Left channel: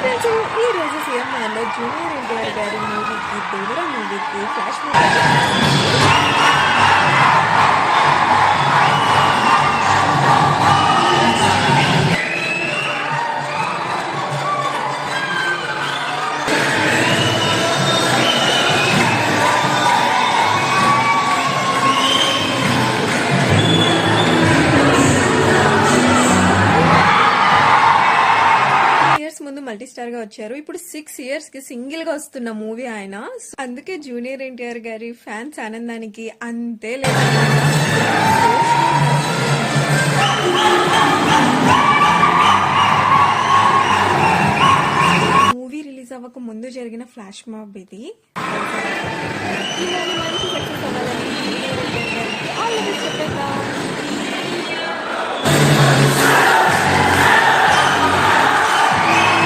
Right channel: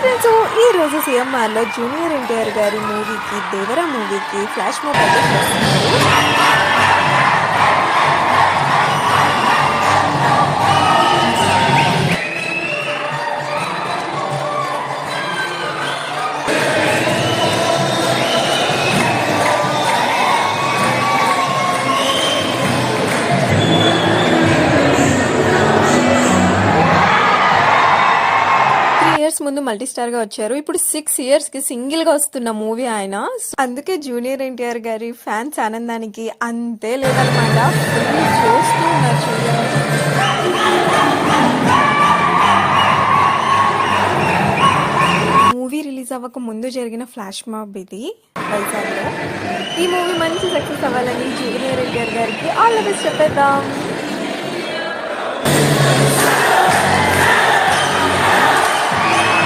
Friends, ఈ రోజు సిఎంఆర్లో junior NTR గారి మూవీకి దేవరా మూవీకి ఫ్లాష్ మూవ్ అయితే చేస్తున్నారు. ఇయర్స్ ముందు మల్టీ స్టార్ గా వచ్చారు. ఇప్పుడు 6 years కి సింగిల్ గా వస్తున్న మూవీ ఆయన. అందుకే జూనియర్ ఎన్టీఆర్ గారి ఫ్యాన్స్ ఆనందానికి అంతే లేదనమాట. మూవీ రిలీజ్ అవ్వక ముందు జరిగిన ఫ్లాష్ మాబ్ ఇది. ఈ మూవీ మంచి సక్సెస్ అవ్వాలని జూనియర్ ఎన్టీఆర్ గారికి ఆల్ ది బెస్ట్ చెప్పేద్దాం.